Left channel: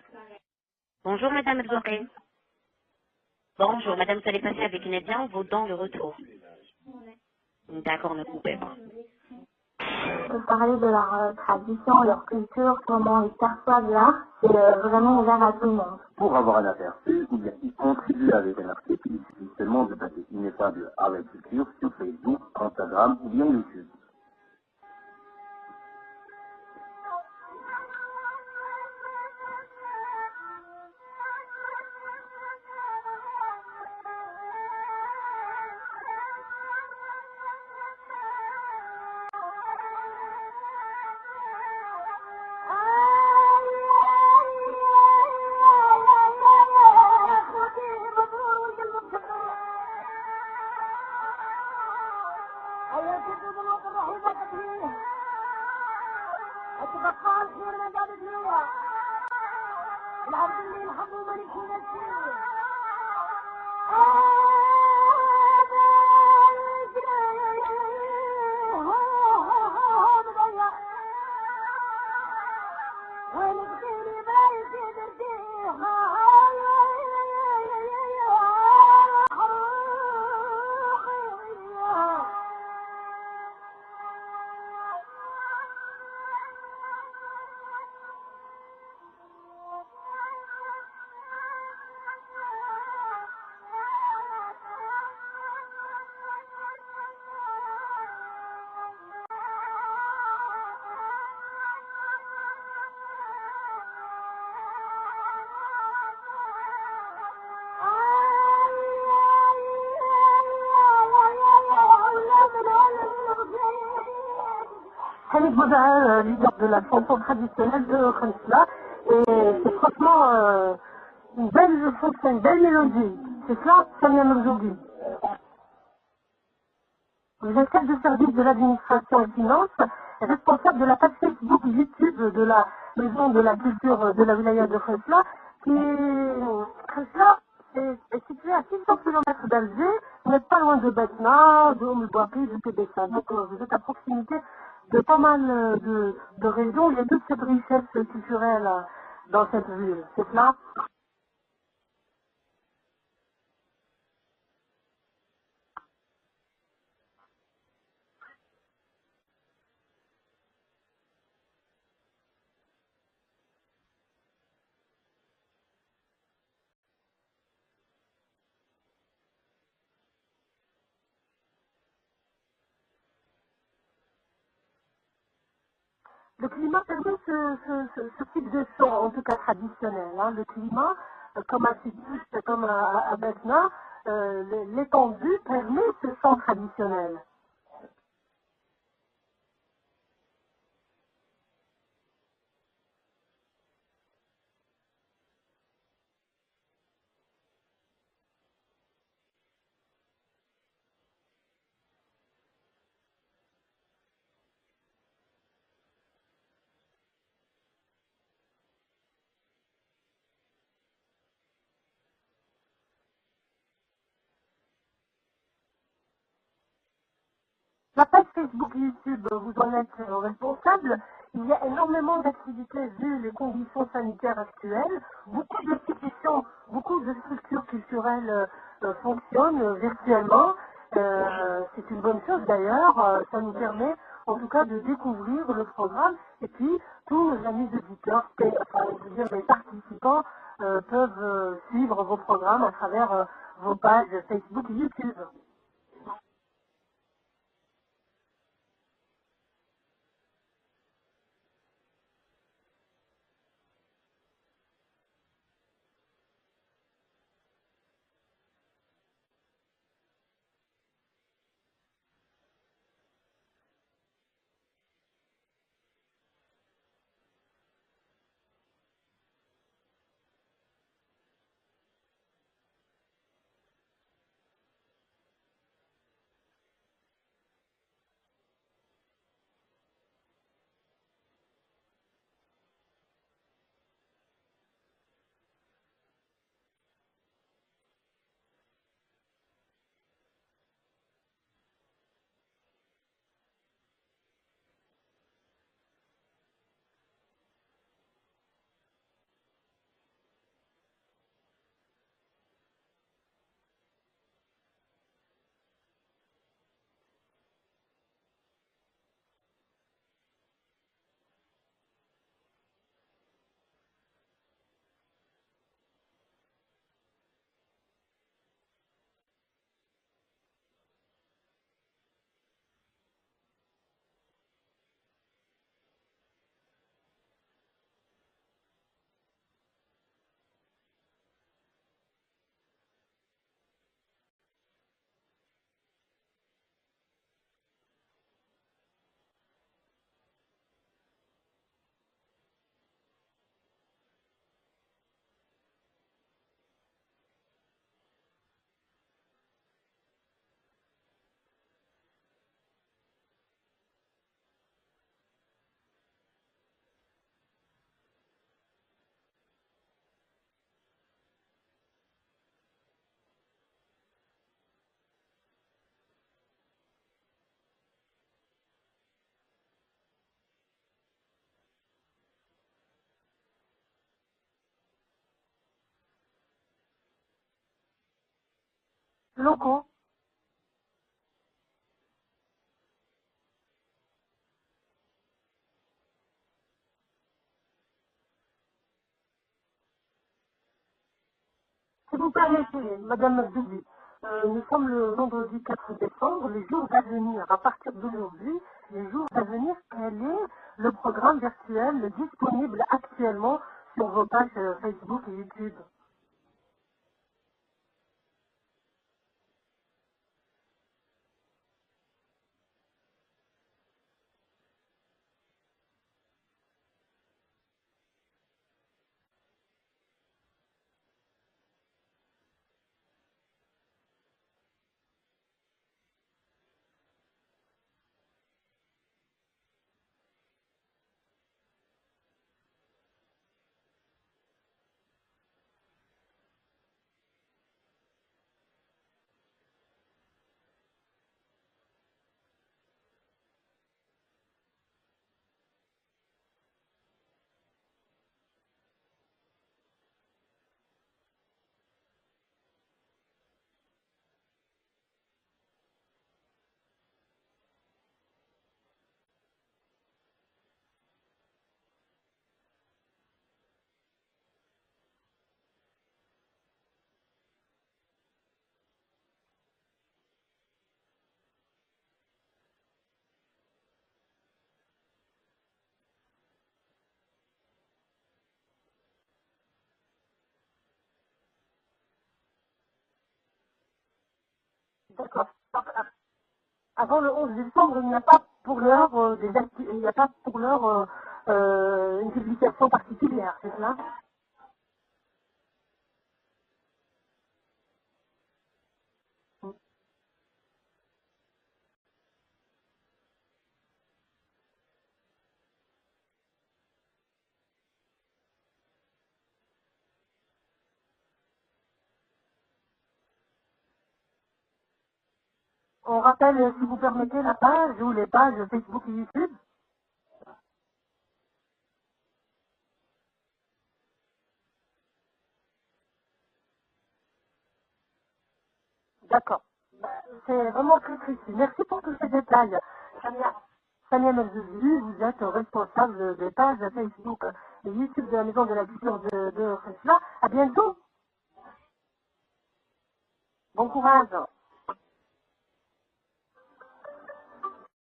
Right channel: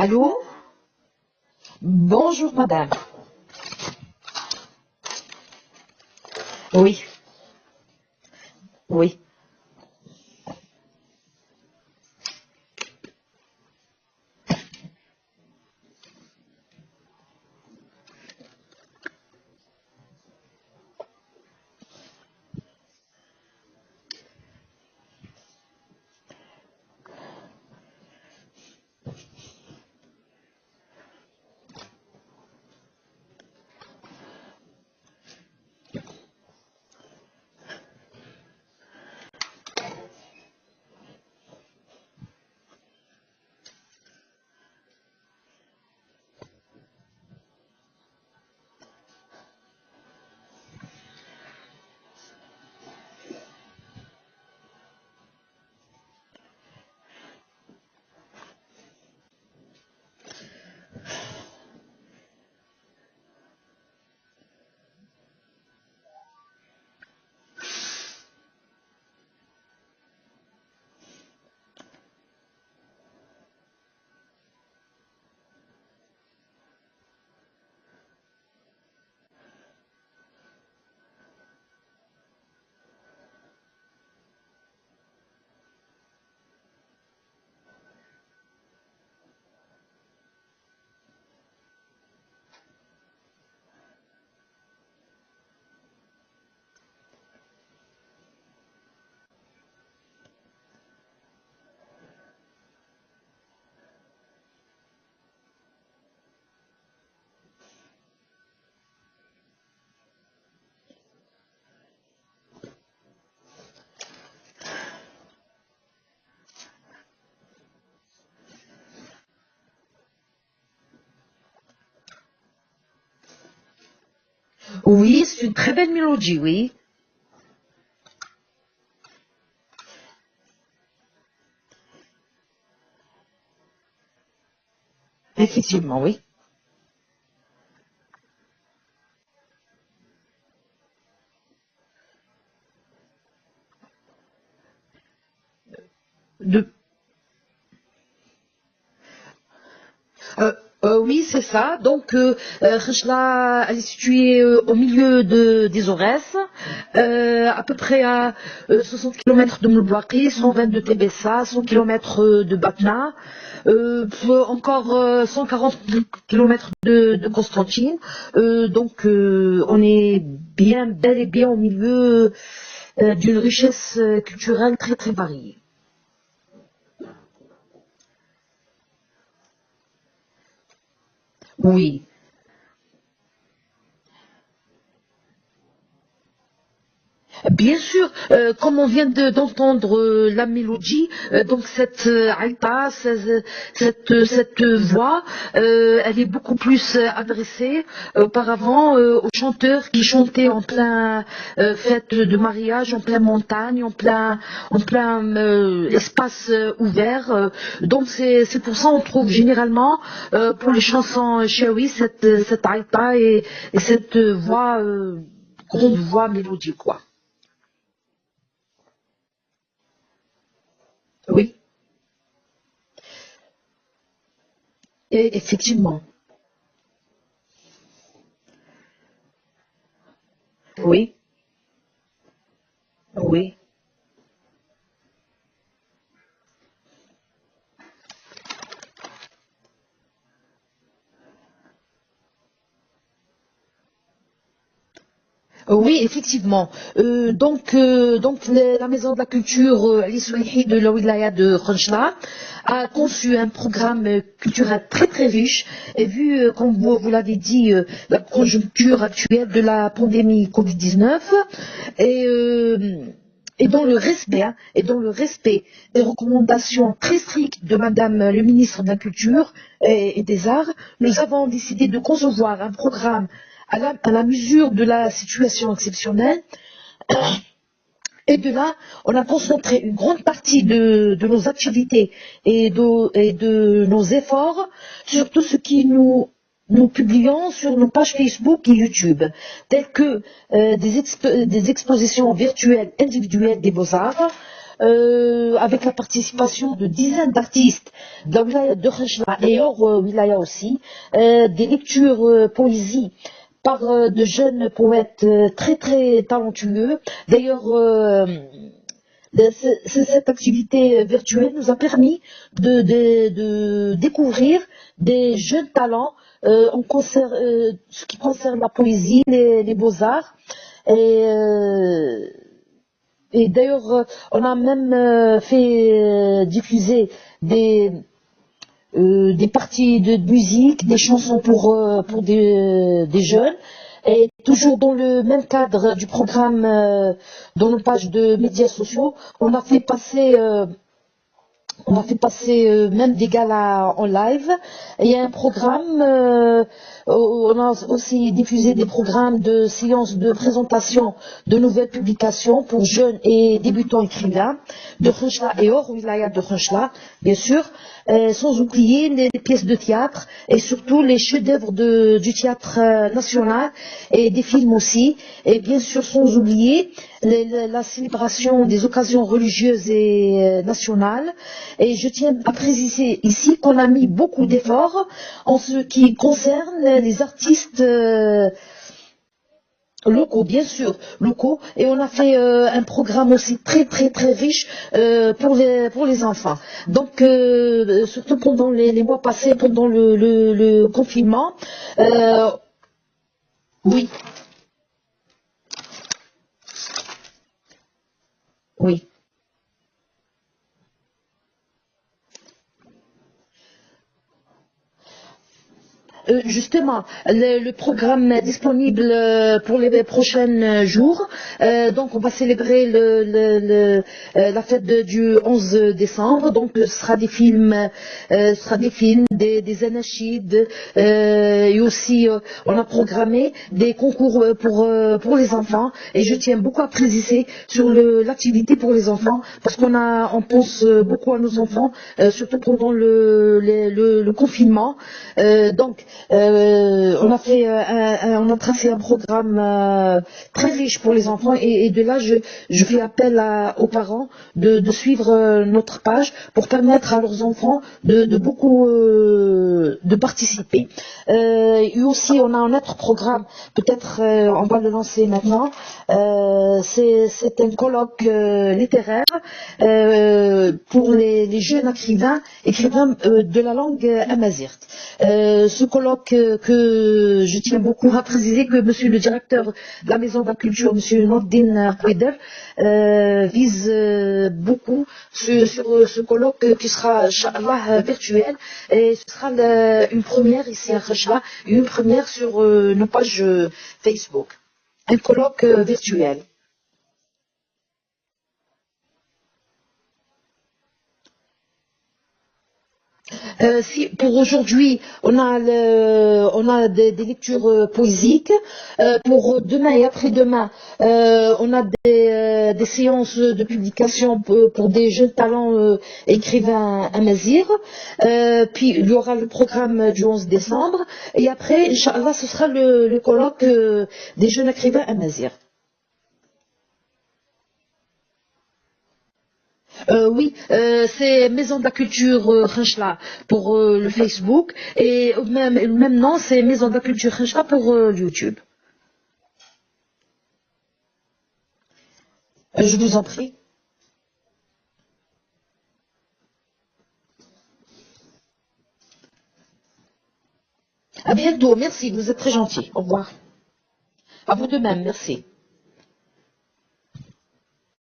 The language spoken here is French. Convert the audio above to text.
Allô? Bonjour Madame Edouard. Bonjour madame. Bonjour Madame, vous allez passer avec Nadia en vos dents le retour. Oui, D'accord, ne coupez pas. oui. De parler de leur tradition, leur culture, comment ils perçoivent l'art, c'est vraiment ouvert à tout le monde. Pour avoir un aperçu ou bien y contribuer avec un article, il suffit seulement de taper Ineffable Art et Culture sur Facebook, Instagram ou bien YouTube. Khalid Bouda, leader de la chanson traditionnelle de Khansla, et c'est franchement une belle chanson, une belle mélodie. C'est cela, Samia Mouzoudi. Oui, c'est une très belle mélodie, oui. Vous êtes chef de service de l'administration et finances, responsable de la page Facebook YouTube de la maison de la culture de la wilaya de Khansla. Effectivement, oui. Khansla est situé à 600 km d'Alger, vous n'êtes pas loin de Betna, de Oumouabri, de Tébessa. Donc vous êtes à proximité de pas mal de régions. Il y a toute cette richesse culturelle dans cette ville. C'est cela? Oui, c'est ça. Donc, Khachla, elle est située au milieu des Aurès, à peu près à 60 km de Moulbouakri, 120 de Tébessa, 100 km de Batna, encore 140 km de Constantine. Donc, on est bien, bel et bien au milieu d'une richesse culturelle très très variée. Le climat permet ce type de son, en tout cas traditionnel. Hein. Le climat, comme à Oui. Titus, comme à Betna, l'étendue permet ce son traditionnel. Bien sûr, comme on vient d'entendre la mélodie, donc cette aïta, cette voix, elle est beaucoup plus adressée auparavant aux chanteurs qui chantaient en plein fête de mariage, en plein montagne, en plein espace ouvert. Donc c'est pour ça on trouve généralement pour les chansons shawi cette aïta et cette voix grande voix mélodie, quoi. La page Facebook et YouTube, vous en êtes responsable. Oui. Il y a énormément d'activités vu les conditions sanitaires actuelles. Et effectivement. Beaucoup de structures culturelles fonctionnent virtuellement. Oui. C'est une bonne chose d'ailleurs. Oui. Ça nous permet en tout cas de découvrir le programme. Et puis, tous nos amis auditeurs, c'est-à-dire les participants, peuvent suivre vos programmes à travers vos pages Facebook et YouTube. Oui, effectivement. Donc, la Maison de la Culture Al-Isouihi de la Wilaya de Khanchla a conçu un programme culturel très très riche. Et vu, comme vous l'avez dit, la conjoncture actuelle de la pandémie Covid-19 et dans le respect des recommandations très strictes de Madame le ministre de la Culture et des Arts, nous avons décidé de concevoir un programme à la mesure de la situation exceptionnelle. Et de là, on a concentré une grande partie de nos activités et de nos efforts sur tout ce qui nous publions sur nos pages Facebook et YouTube, telles que des expositions virtuelles individuelles des beaux-arts, avec la participation de dizaines d'artistes de la wilaya de Khenchela et hors wilaya aussi, des lectures poésie par de jeunes poètes très très talentueux. D'ailleurs, cette activité virtuelle nous a permis de découvrir des jeunes talents ce qui concerne la poésie, les beaux-arts. Et, euh, et d'ailleurs, on a même fait diffuser des parties de musique, des chansons pour des jeunes. Et toujours dans le même cadre du programme, dans nos pages de médias sociaux, on a fait passer même des galas en live. Il y a un programme, on a aussi diffusé des programmes de séances de présentation de nouvelles publications pour jeunes et débutants écrivains de Khenchela et hors wilaya de Khenchela, bien sûr, sans oublier les pièces de théâtre et surtout les chefs-d'œuvre du théâtre national et des films aussi, et bien sûr sans oublier la célébration des occasions religieuses et nationales. Et je tiens à préciser ici qu'on a mis beaucoup d'efforts en ce qui concerne les artistes locaux, bien sûr, locaux. Et on a fait un programme aussi très très très riche pour les enfants. Donc, surtout pendant les mois passés, pendant le confinement. Madame Abdouli, Oui. Nous sommes le vendredi 4 décembre, les jours à venir, à partir d'aujourd'hui, Oui. les jours à venir, quel est le programme virtuel disponible actuellement sur vos pages Facebook et YouTube? Justement, le programme est disponible pour les prochains jours. Donc, on va célébrer la fête du 11 décembre. Donc, ce sera des films, des anachides, et aussi, on a programmé des concours pour les enfants. Et je tiens beaucoup à préciser sur l'activité pour les enfants, parce on pense beaucoup à nos enfants, surtout pendant le confinement. Donc, on a tracé un programme très riche pour les enfants et de là je fais appel aux parents de suivre notre page pour permettre à leurs enfants de beaucoup de participer. Et aussi on a un autre programme, peut-être on va le lancer maintenant. C'est un colloque littéraire pour les jeunes écrivains de la langue amazigh. Ce colloque que je tiens beaucoup à préciser que monsieur le directeur de la Maison de la Culture, monsieur Nordin Kouider, vise beaucoup sur ce colloque qui sera, Inch'Allah, virtuel, et ce sera une première ici à Khenchela, une première sur nos pages Facebook. Un colloque virtuel. Avant le 11 décembre, il n'y a pas pour l'heure une publication particulière. Si pour aujourd'hui, on a des lectures poésiques. Pour demain et après-demain, on a des séances de publication pour des jeunes talents écrivains amazigh. Puis il y aura le programme du 11 décembre. Et après, Inch'Allah, ce sera le colloque des jeunes écrivains amazigh. On rappelle, si vous permettez, la page ou les pages Facebook et YouTube. Oui, c'est Maison de la Culture Khenchela pour le Facebook et même nom, c'est Maison de la Culture Khenchela pour YouTube. D'accord. C'est vraiment très précis. Merci pour tous ces détails. Je vous en prie. Samia Merzouli, vous êtes responsable des pages Facebook et YouTube de la Maison de la Culture de Khenchela. À bientôt. À bientôt, merci, vous êtes très gentil. Au revoir. Bon courage. À vous de même, merci.